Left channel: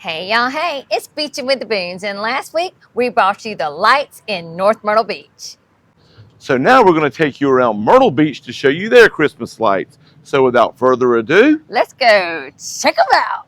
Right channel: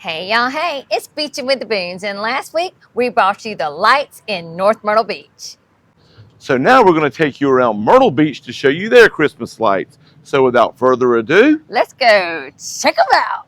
Hey y'all, hey, it's Beachin with the Boones, and last week we brought you the lights in North Myrtle Beach. So now we're going to take you around Myrtle Beach to show you their Christmas lights. So without further ado, Let's go check them out.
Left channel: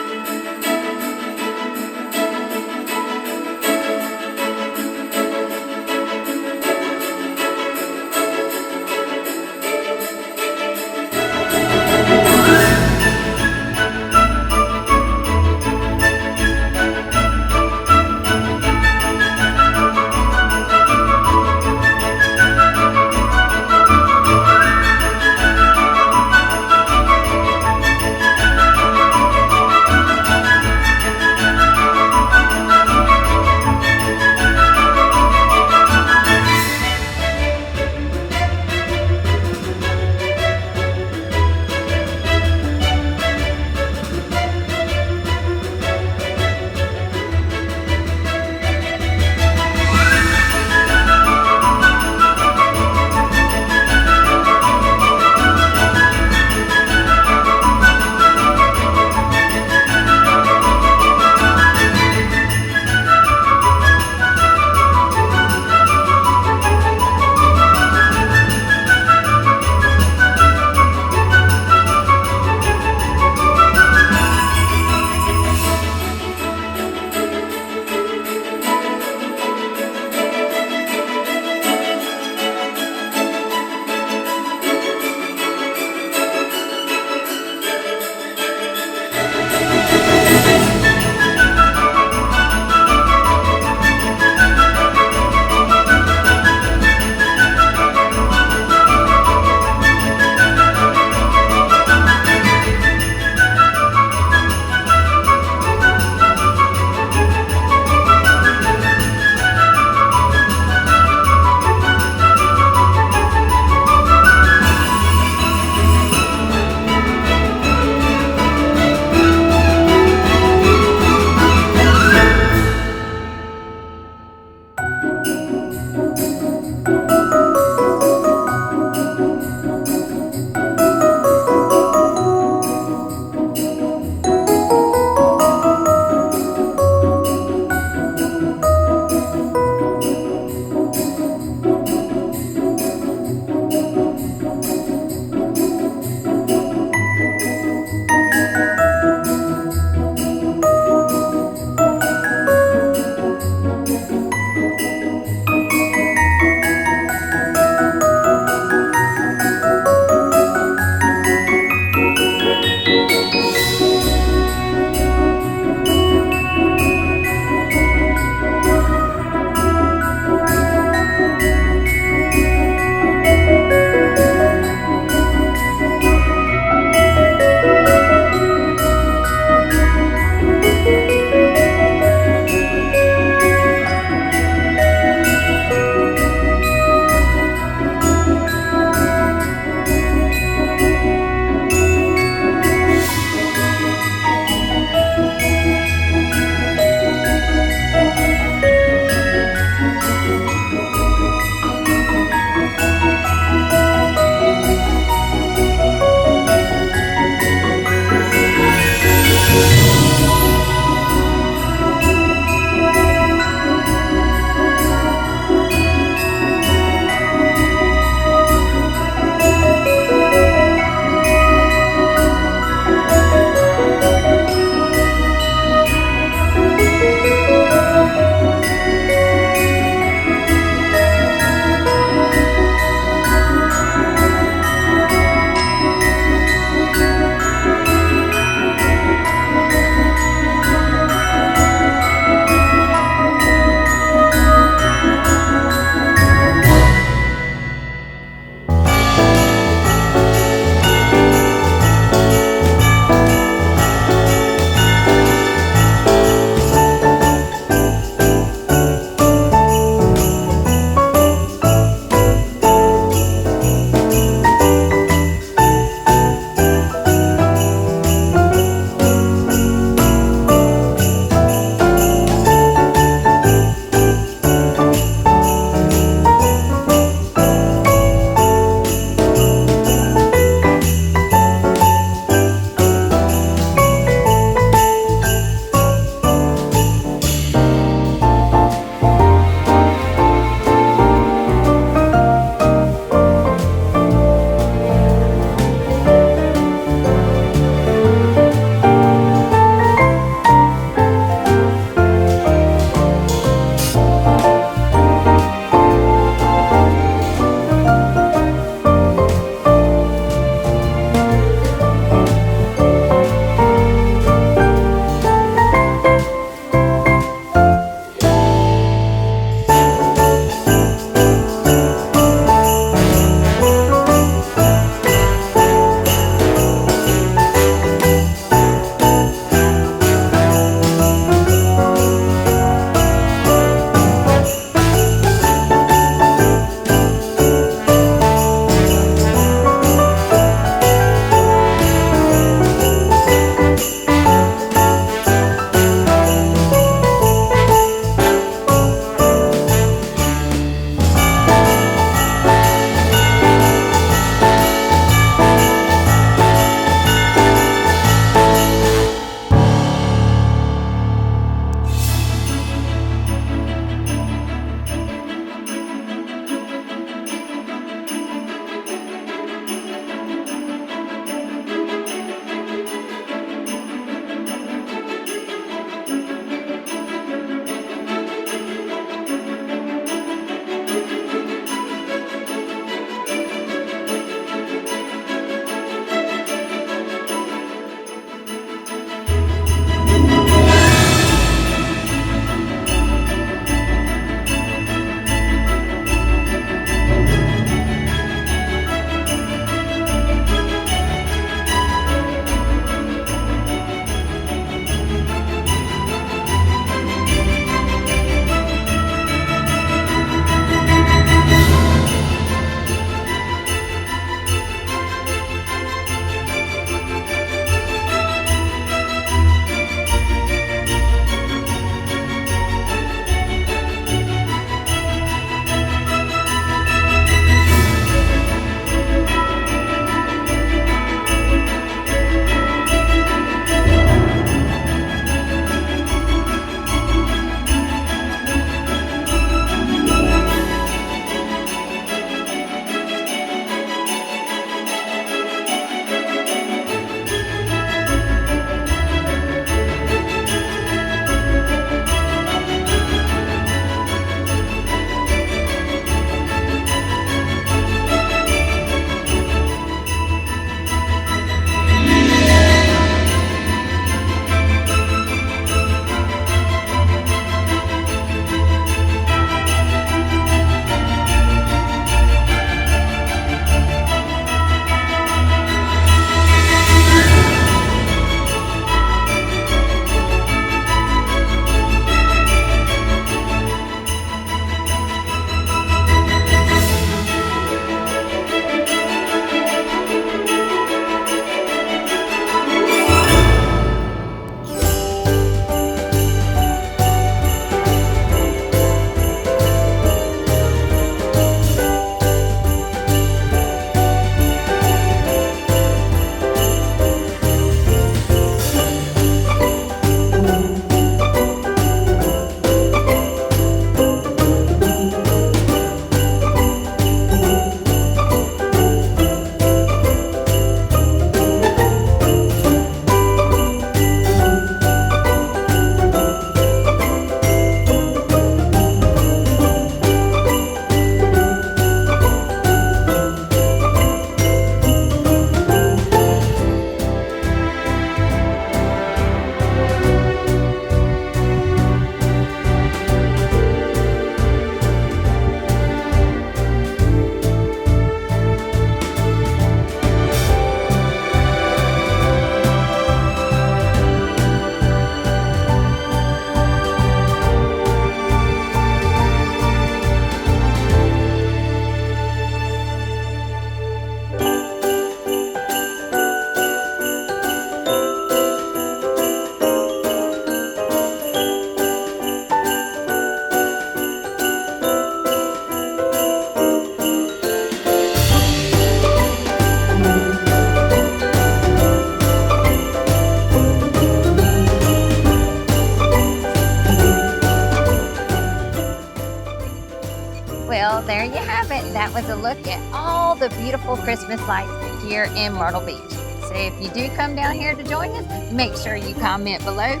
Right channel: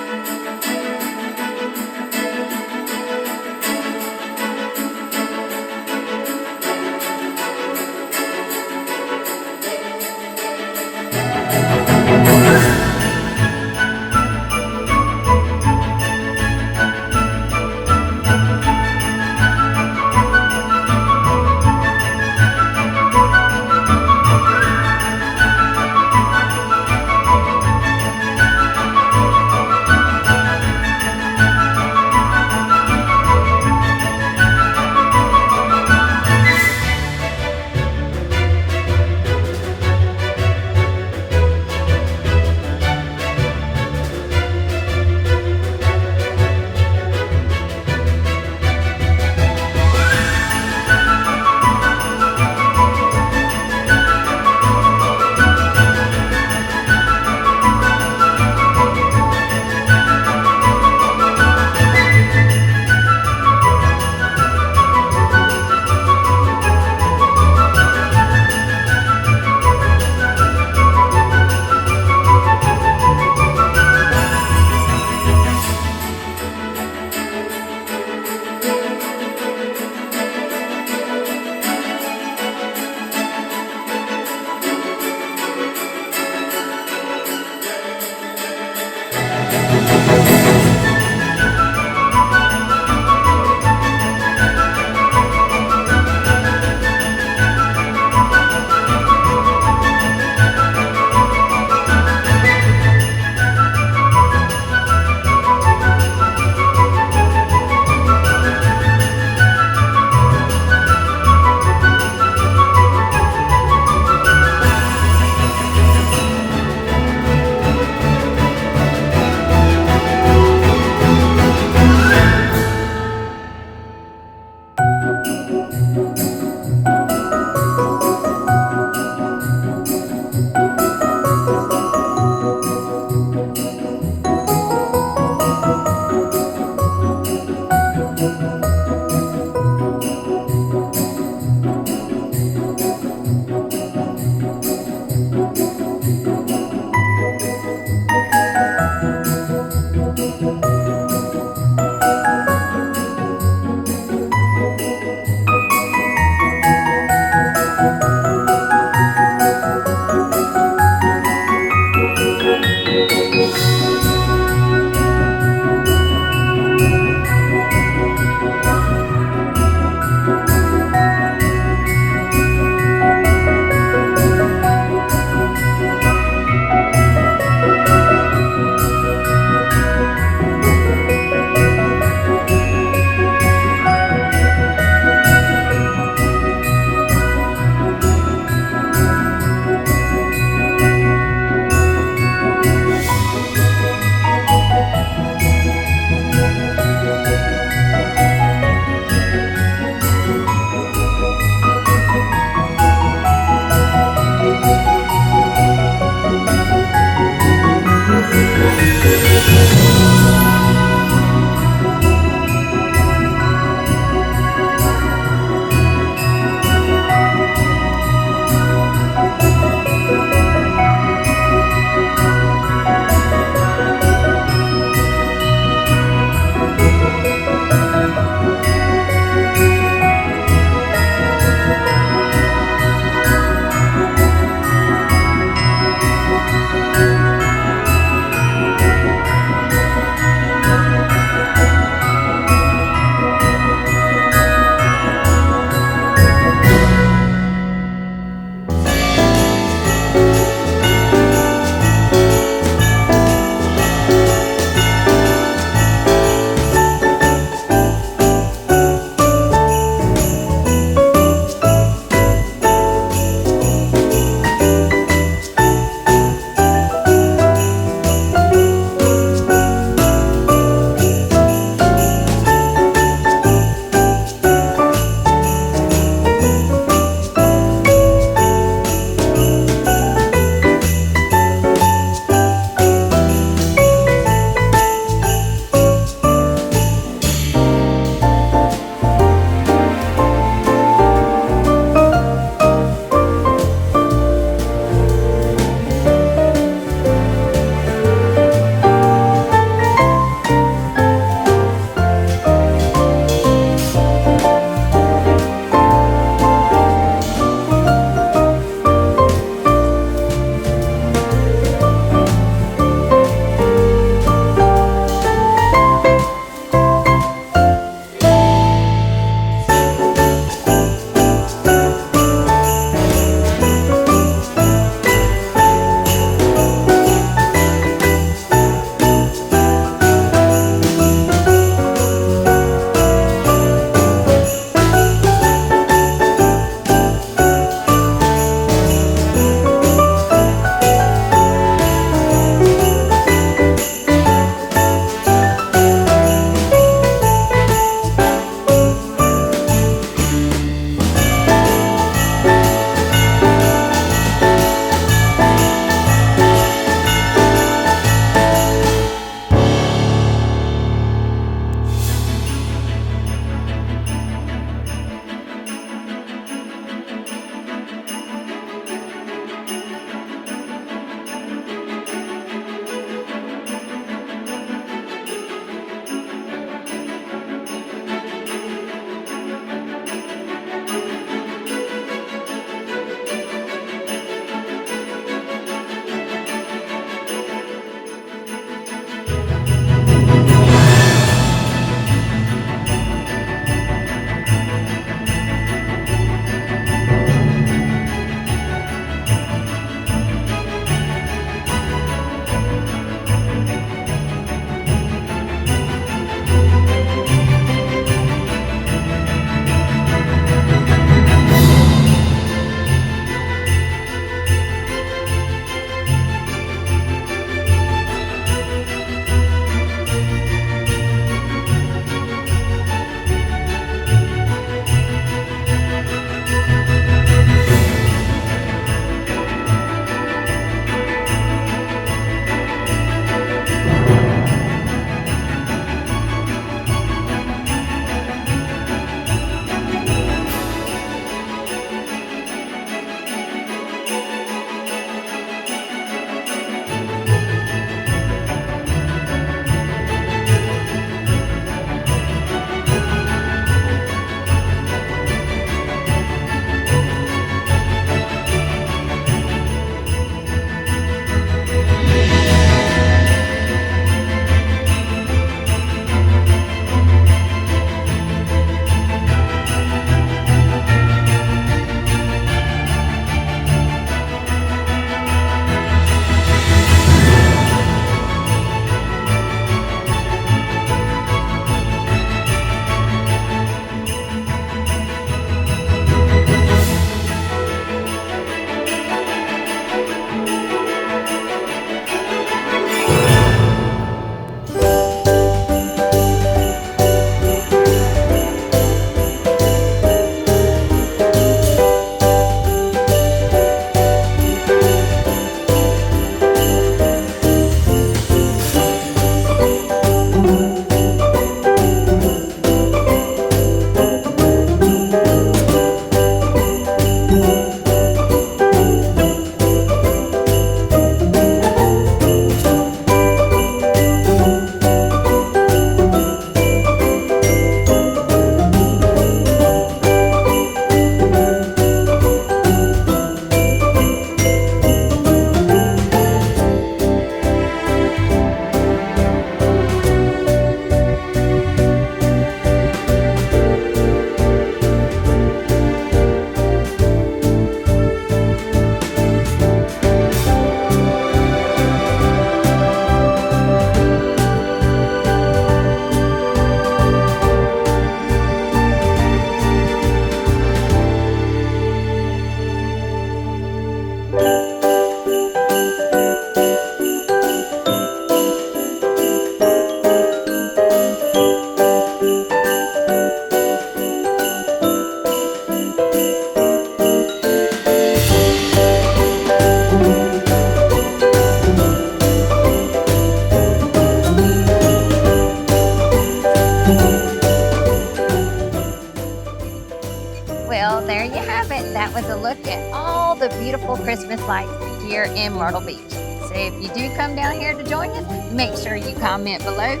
there you have it. That was a look at all the beautiful Christmas lights here in Myrtle Beach. So if you do come down here to join us, make sure you comment below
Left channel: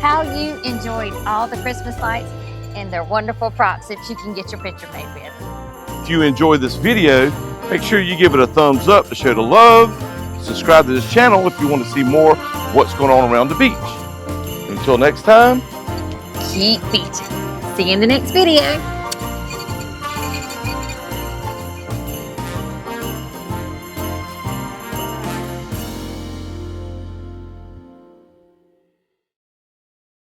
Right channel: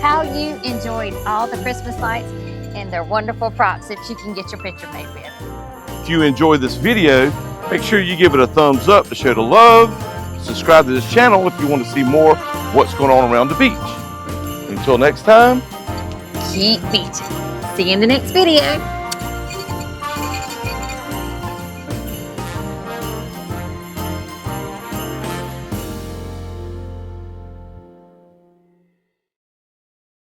how you enjoyed all the Christmas lights and their wonderful props that you can get your picture made with. If you enjoyed this video, make sure you give it a thumbs up to show the love. Subscribe to this channel if you want to see more of what's going on around the beach. Until next time, Keep beaching. See you in the next video.